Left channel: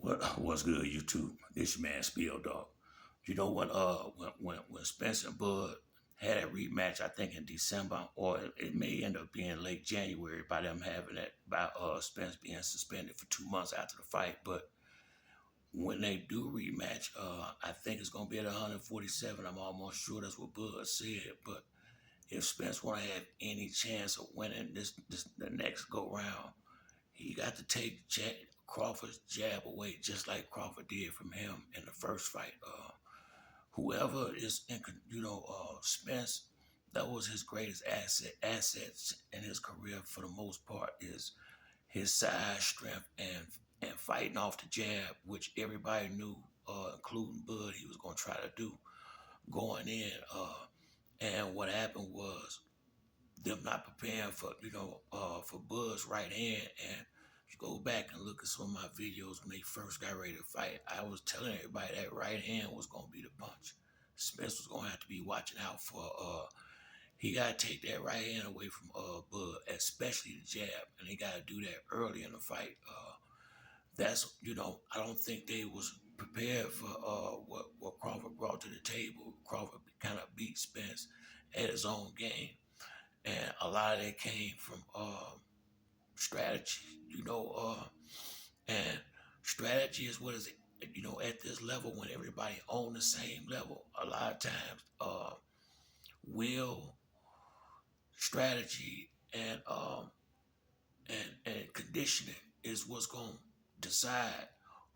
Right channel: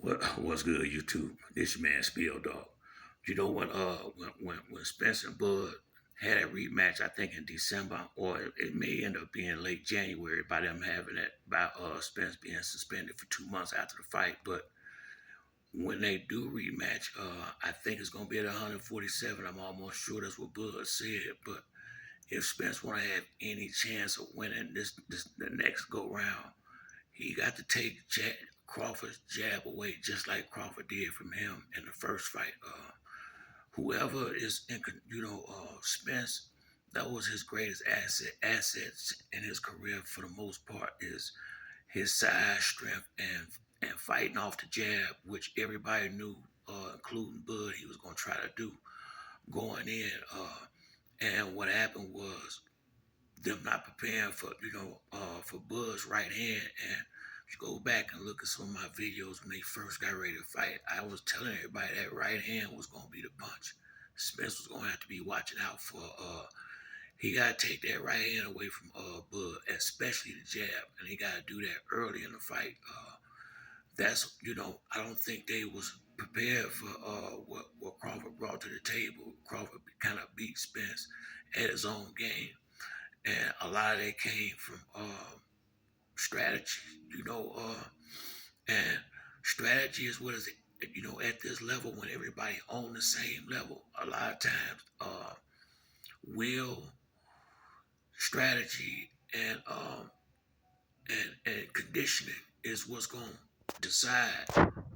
What's good, YouTube? This your man Spill Dog. You know what? When Spence and Bud had a rematch, I think in December, or it may end up being late January by them having it by Spence being suspended for 2 months after the fight. But when they do rematch, I think it's gonna be at 147. I'm almost sure that's what Bud said. But if Spence want to have any chance of winning this the next go round, he got to take Crawford's jab away, just like Crawford did from him in the first fight. Whoever is in, Spence, that was his greatest assets in his career for the most part is his size, strength, and fighting off the jab, which everybody knew, including Bud, he was going to try to do going in. And what happened was them not preparing for Bud's right hand. And if you go back and look at some of my videos when they first got ready to fight, I was telling everybody that right hand was gonna be the punch. Spence was gonna have to be watching out for. He gotta take that right hand away from Bud, especially the jab, and he gotta do that early in the fight. I don't think they was prepared for what Crawford brought to the table. Crawford kind of beat Spence at his own game, and a lot of that came from strategy, and strategy is what is it, at this level when everybody on the same level. A lot of times, will, strategy, and conditioning is what's gonna decide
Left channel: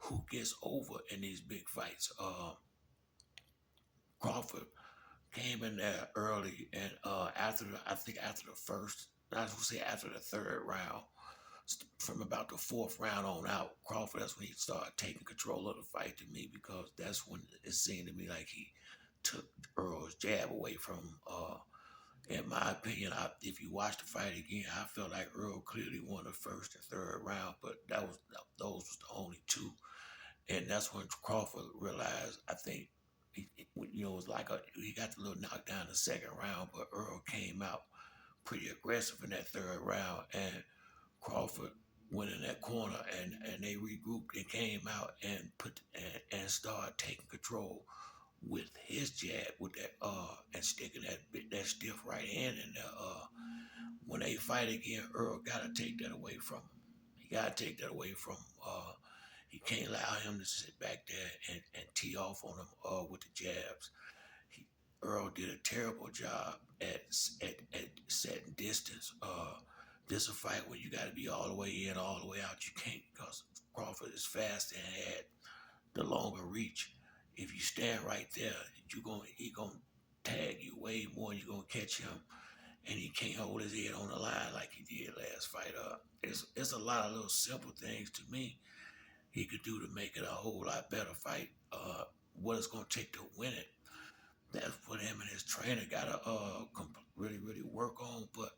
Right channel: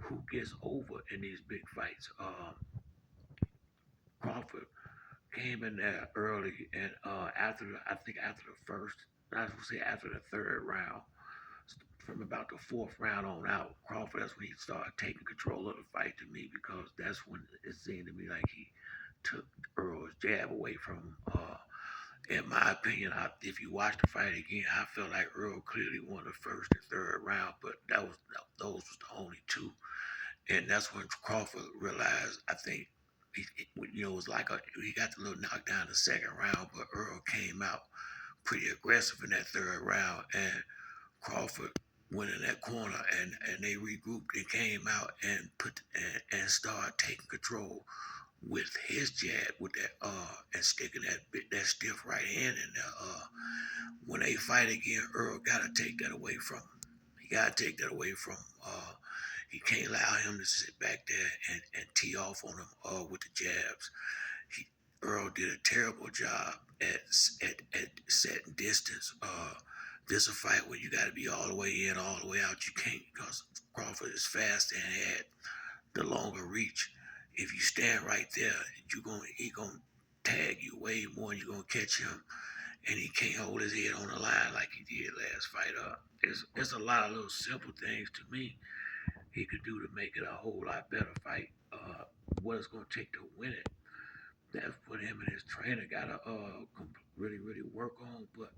who gets over in these big fights. Crawford came in there early, and I think after the first, I was gonna say after the third round, from about the fourth round on out, Crawford, that's when he started taking control of the fight to me, because that's when it seemed to me like he took Earl's jab away from him. In my opinion, if you watch the fight again, I felt like Earl clearly won the first and third round, but those was the only two. And that's when Crawford realized, I think, it was like he got the little knockdown in the second round, but Earl came out pretty aggressive in that third round, and Crawford went in that corner, and they regrouped and came out and and started taking control with his jab, with that and sticking that stiff right hand in there. When they fight again, Earl gotta take that away from him. He gotta take that away from him. He can't allow him to sit back there and tee off on him with the jabs. Earl did a terrible job at setting distance. This is a fight where you got to be all the way in, all the way out. You can't, because Crawford is fast and had the longer reach. If you stand right there, he gonna tag you way more. You're gonna catch him, and he can't hold his head on the line like he did last fight. There's a lot of little simple things to me he could do to make it a whole lot better fight. What it's gonna take to win it, that's what him and his trainer gotta really really work on. But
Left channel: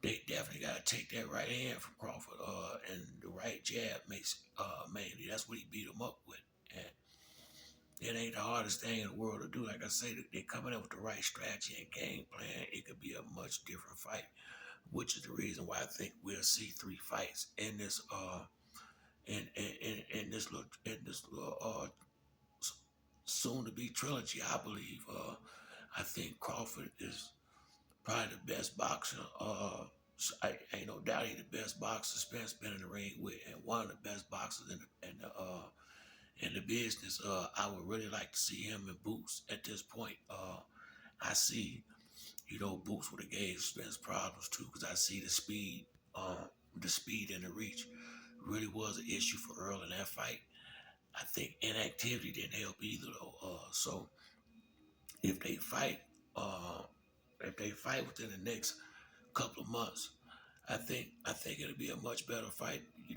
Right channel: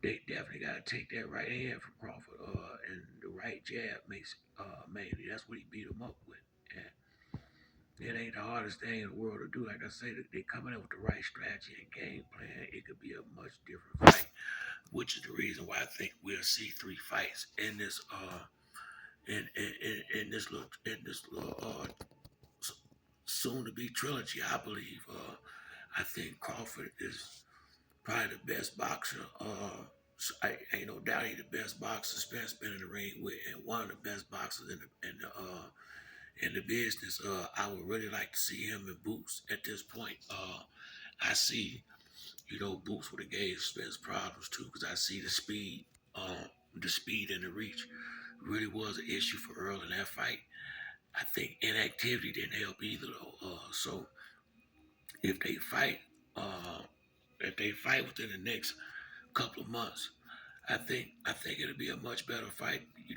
they definitely gotta take that right hand from Crawford, and the right jab makes mainly that's what he beat him up with. And it ain't the hardest thing in the world to do. Like I say, they coming up with the right strategy and game plan. It could be a much different fight, which is the reason why I think we'll see 3 fights in this in this little soon to be trilogy. I believe. I think Crawford is probably the best boxer. I ain't no doubt he's the best boxer Spence been in the ring with, and one of the best boxers in the business. I would really like to see him and Boots at this point. I see, Boots would have gave Spence problems too, because I see the speed and the reach really was an issue for Earl in that fight. I think inactivity didn't help either though. So if they fight, uh, if they fight within the next couple of months, I think it'll be a much better fight. He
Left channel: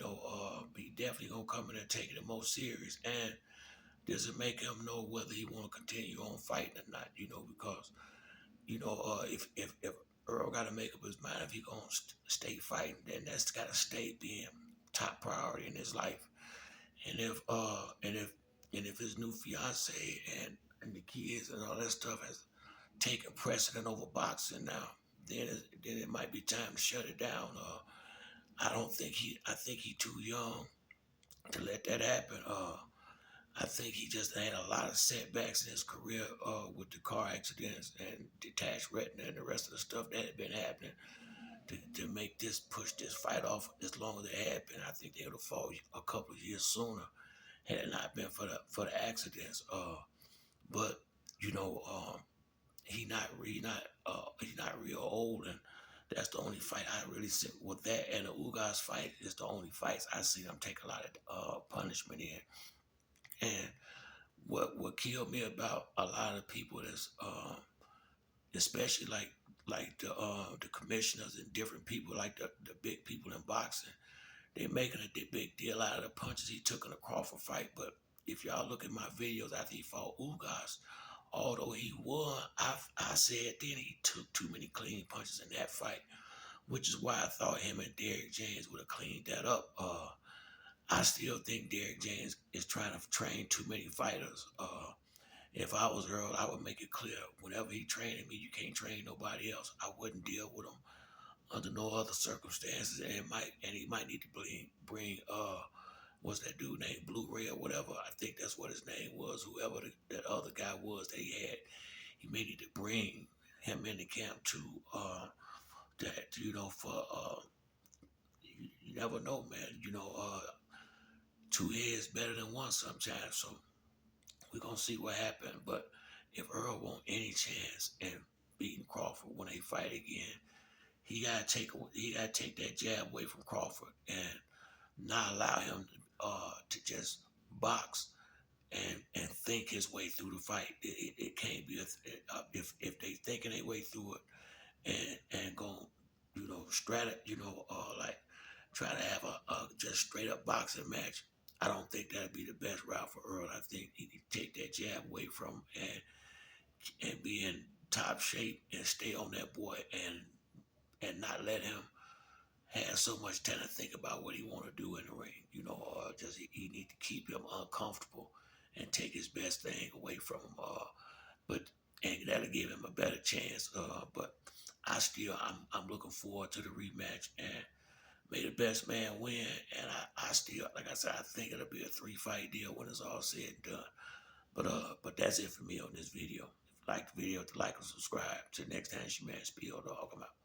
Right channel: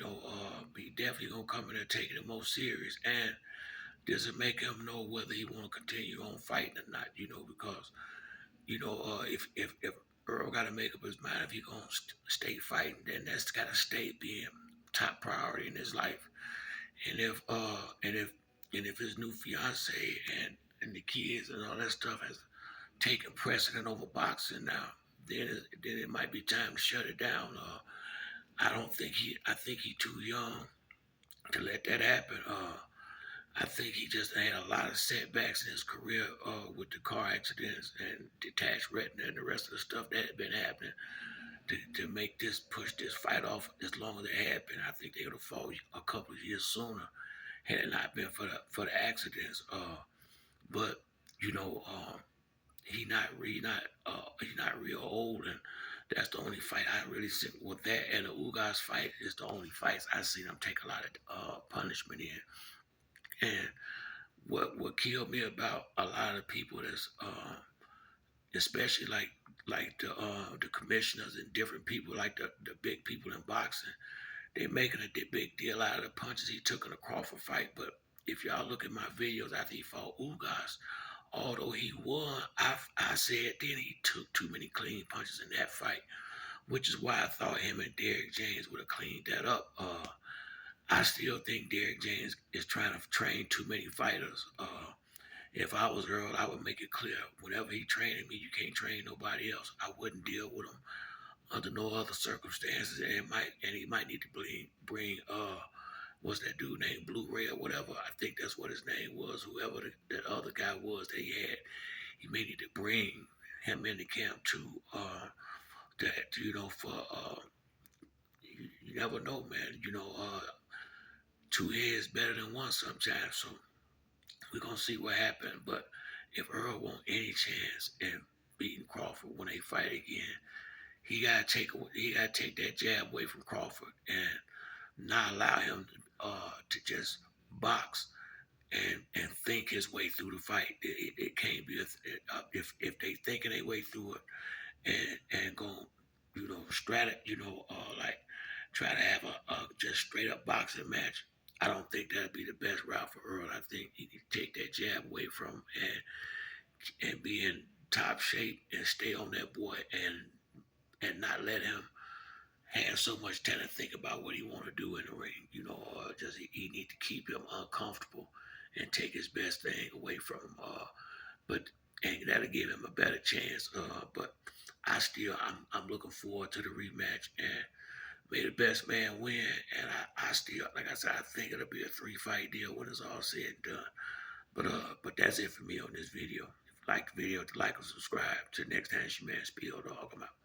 definitely gonna come in and take it more serious. And does it make him know whether he want to continue on fighting or not? Because if Earl got to make up his mind if he gonna stay fighting, then that's got to stay being top priority in his life. And if his new fiance and the kids and all that stuff has taken precedent over boxing now, then it might be time to shut it down. I think he too young to let that happen. I think he just had a lot of setbacks in his career with the car accidents and detached retina and the rest of the stuff that had been happening to make this push this fight off as long as it had been. I think they would have fought a couple of years sooner had it not been for the accidents. But you know, he's not real old, and that's the only fight I really see with that. And the Ugas fight is the only fights I seen him take a lot of punishment in. And what killed me about a lot of people is especially like the commissioners and different people like the big people in boxing, they making a big deal out of the punches he took in the Crawford fight. But if y'all look at my videos after he fought Ugas, although he won, I said then he took too many clean punches in that fight, which is why I thought him and Derrick James would have cleaned that up. I still think Derrick James is trying to train too many fighters. If I was Earl, I would make it clear whenever he training me, you can't train nobody else. I wouldn't deal with him under no other circumstances, and he might need to bring what's that dude named Blu-ray or whatever. I think that's what his name was. Whoever that other guy was that he had, he may need to bring him into camp too. That for you never know, man. Two heads better than one sometimes. So we're gonna see what happens. But if Earl want any chance in beating Crawford when they fight again, he gotta take that jab away from Crawford and not allow him to just box and think his way through the fight. It can't be if they thinking their way through it and go like try to have a just straight up boxing match. I don't think that'd be the best route for Earl. I think he could take that jab away from him and be in top shape and stay on that boy and not let him have so much time to think about what he want to do in the ring. Just he need to keep him uncomfortable and take his best thing away from him. But and that'll give him a better chance. But I'm looking forward to the rematch and may the best man win. And I still, like I said, I think it'll be a 3-fight deal when it's all said and done. But that's it for me on this video. If you like the video, like and subscribe. Till next time, it's your man Spiel Dog. I'm out.